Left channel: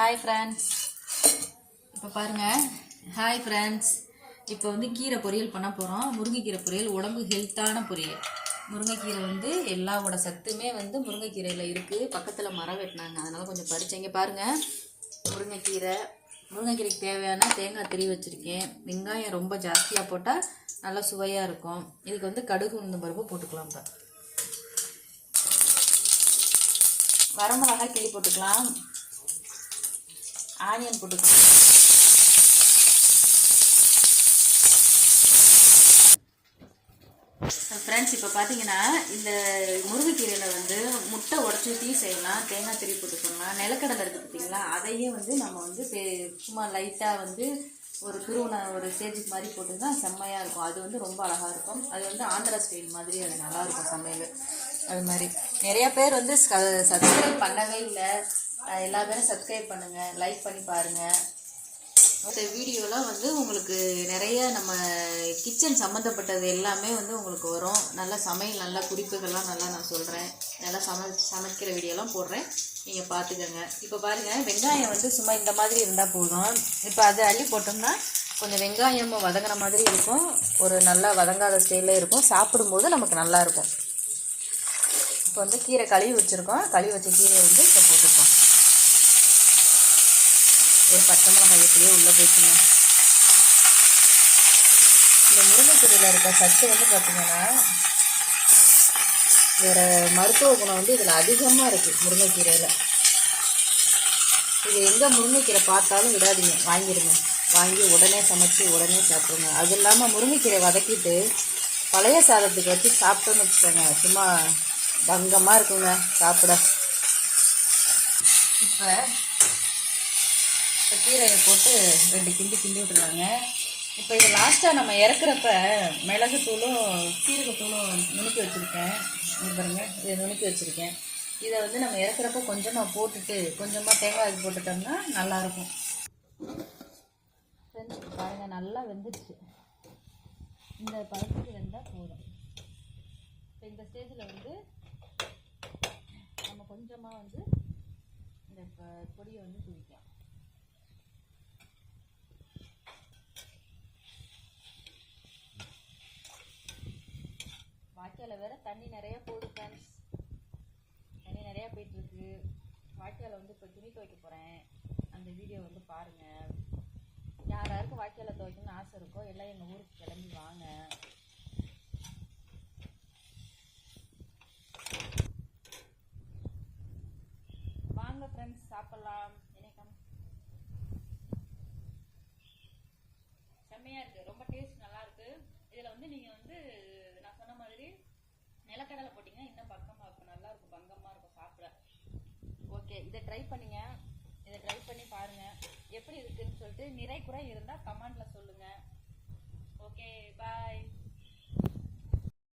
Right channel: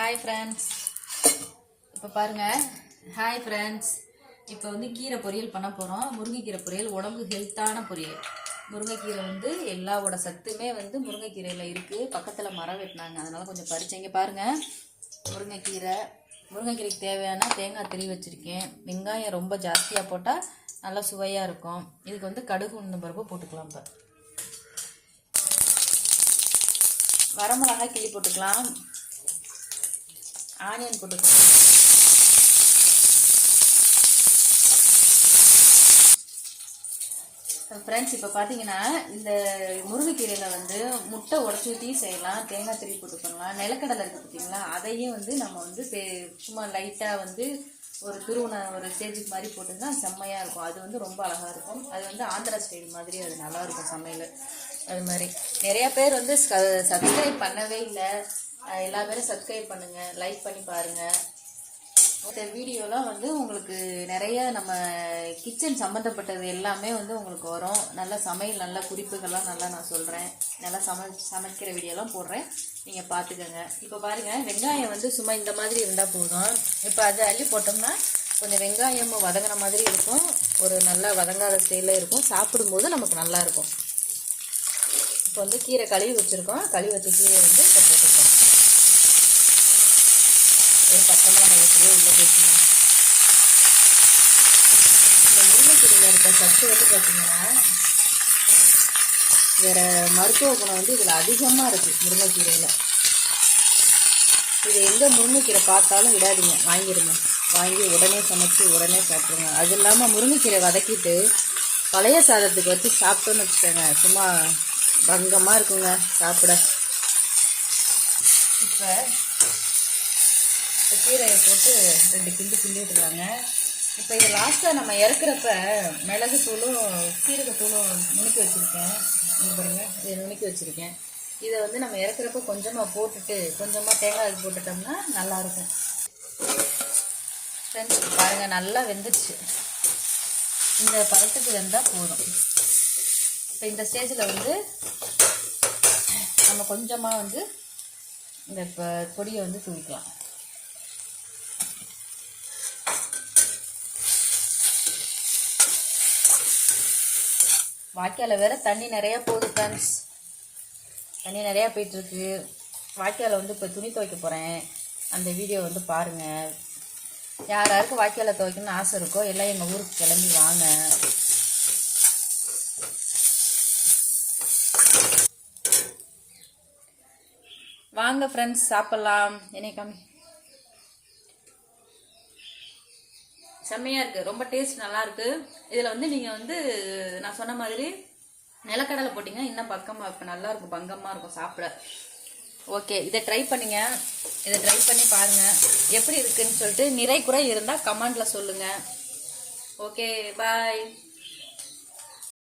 Hi friends, இப்போ பாருங்கள். Hi friends, இப்போ வந்து கீரை பொரியல் பண்ண போகிறோம். முருங்கைக்கீரை பொரியல் உடம்பு ஹெல்த்தான பொரியல். முருங்கைக்கீரை வந்து எல்லாவோட சத்துமே வந்து முருங்கைக்கீரையில் இருக்குது. பக்கத்தில் மரம் வெட்டினாங்க, அதனால் கொஞ்சம் பறிச்சேங்க. பாருங்கள், முருங்கைக்கீரைக்கு தேவையான தேங்காய் திரி வச்சுருக்கேன். வெங்காயம் ரொம்ப ஜாஸ்தியாக போட்டால் நல்லா சுவையாக இருக்கும். இதுக்கு வந்து கடுகு உளுந்தம் பருப்பு போட்டுக்கலாம். இப்போ வரமிளகாய் கிள்ளி போட்டுக்கலாம். ஆனியன் போட்டுக்கலாம். ஃப்ரெண்ட்ஸ், இப்போ பார்த்தீங்கன்னா இந்த முருங்கைக்கீரையில் வந்து முட்டை உடச்சி ஊற்றி செய்யலாம், தேங்காய் திரி போட்டுக்கலாம். நிலக்கடலை இருக்குது பார்த்தீங்களா, அதையும் வந்து நம்ம வந்து சும்மா லைட்டாக வந்து ஒரு ஒரு ஸ்டேஜுக்கு மாதிரி போட்டுன்னா செம்மையாக இருக்கும். அது வந்து ரொம்ப அழகாக இருக்கும். அது வந்து ஆந்திரா ஸ்டைல் மாதிரி அது நல்லாயிருக்கும் சமையல். அது மாதிரி நிறையா பேர் வந்து சப்ஸ்கிரைப் பண்ணவே இல்லை. எல்லா பேரும் சப்ஸ்கிரைப் பண்ணுங்கள், லைக் பண்ணி பாருங்கள். இந்த வீடியோலாம் வந்து உங்களுக்கு நிறைய நம்ம கிச்சன் சம்மந்தப்பட்டது எல்லாமே வந்து உங்களுக்கு வரும். நல்லா சமையல், நல்ல குறிப்புகள்லாம் நல்லா நான் சொல்கிறேன். நல்லா சமைக்கிற வீடியோலாம் போடுறேன், நீங்கள் பார்த்துக்கோங்க. இப்போ பாருங்கள், வெங்காயம் வந்து சும்மா இந்த மாதிரி இருந்தால் போதும். இப்போ அதை அள்ளி போட்டோம்னா கொஞ்சம் வெங்காயம் வதங்கின மாதிரி இருக்கும். ஒரு நல்லா வதங்காத ஸ்டைலில் இருக்கும். சாப்பிடும்போது நமக்கு நல்லாயிருக்கும். இப்போ வந்து கீரை கழுவி வச்சுருக்கோம். கழுவி வச்ச கீரையை வந்து இப்போ போட்டுருக்கோம். ஒரு பச்சை மிளகாய் எப்படியோ உள்ளே போச்சுங்க. இந்த முருங்கைக்கீரையில் இருக்க சத்து வந்து பார்த்திங்கன்னா வேறு மருத்துவ குணம் வந்து இதில் அதிகமாக இருக்குது. முருங்கைக்கீரையில் இது எங்கே முருங்கைக்கீரை பார்த்தாலும் விடாதீங்க, வாங்கிடுங்க. வாங்கி உடனே சமைச்சு உடனே சாப்பிடுங்க. அது இல்லாமல் முருங்கைக்கீரை வதக்கிட்டு பழைய சாதத்துக்கு வச்சு சாப்பிட்டோன்னு வச்சுக்கோங்க, சும்மா பங்கமாக இருக்குங்க சாப்பிட. இப்போ கீரையை போட்டு 2 கிண்டி விட்டுருவாங்க. இப்போ இது லாஸ்ட்டாக நம்ம இறக்குறப்ப மிளகுத்தூளும் சீரகத்தூளும் நுணுக்கி வச்சுருக்கேன். இது பாருங்கள், இதை நுணுக்கி வச்சுருக்கேன். இதை வந்து நம்ம இறக்குறப்ப கொஞ்சமாக போட்டுட்டு கொஞ்சமாக தேங்காய் போட்டுட்டோம்னா நல்லாயிருக்கும். ஃப்ரெண்ட்ஸ் பாருங்கள், நல்லா வெந்துடுச்சு. இந்த பழத்துக்கு வெந்தால் போதும். இப்போ இந்த ஸ்டேஜில் வந்து நம்ம கொஞ்சமாக வந்து இந்த பொடியை வந்து தூவிக்கலாம். வாய்க்காலில் வேறு தண்ணி நிறையா போகுது ஃப்ரெண்ட்ஸ். தண்ணி நிறையா போயிட்டுருக்கு. வாய்க்காலில் வந்து இப்போ துணி துவைக்க போகிறேன். அந்த வீடியோ வந்து பாருங்கள். யாராருக்கு வாய்க்காலில் துவைக்கணும்னு ஆசை இருக்கோ எல்லாம் எங்கள் ஊருக்கு கிளம்பி வாங்க. வாங்க ஃப்ரெண்ட்ஸ், சாப்பிட்லாம். என்னை கம்மி செம்மையாக இருக்குது. ரொம்ப டேஸ்ட் நல்லாயிருக்கு. இதில் வந்து நீங்கள் வந்து நான் சொன்ன மாதிரி நிலக்கடலை போட்டிங்கன்னா இன்னும் பக்கமாக இருக்கும், நல்லாயிருக்கும், பங்கமாக இருக்கும் சாப்பிட. ஓகே, இதை ட்ரை பண்ணுங்க. இதை ட்ரை பண்ணி பாருங்கள் எப்படி இருக்குதுன்னு சொல்லிட்டு. நிறை குறை இருந்தால் கமெண்டில் சொல்லுங்கள். ஓகே, பாய்.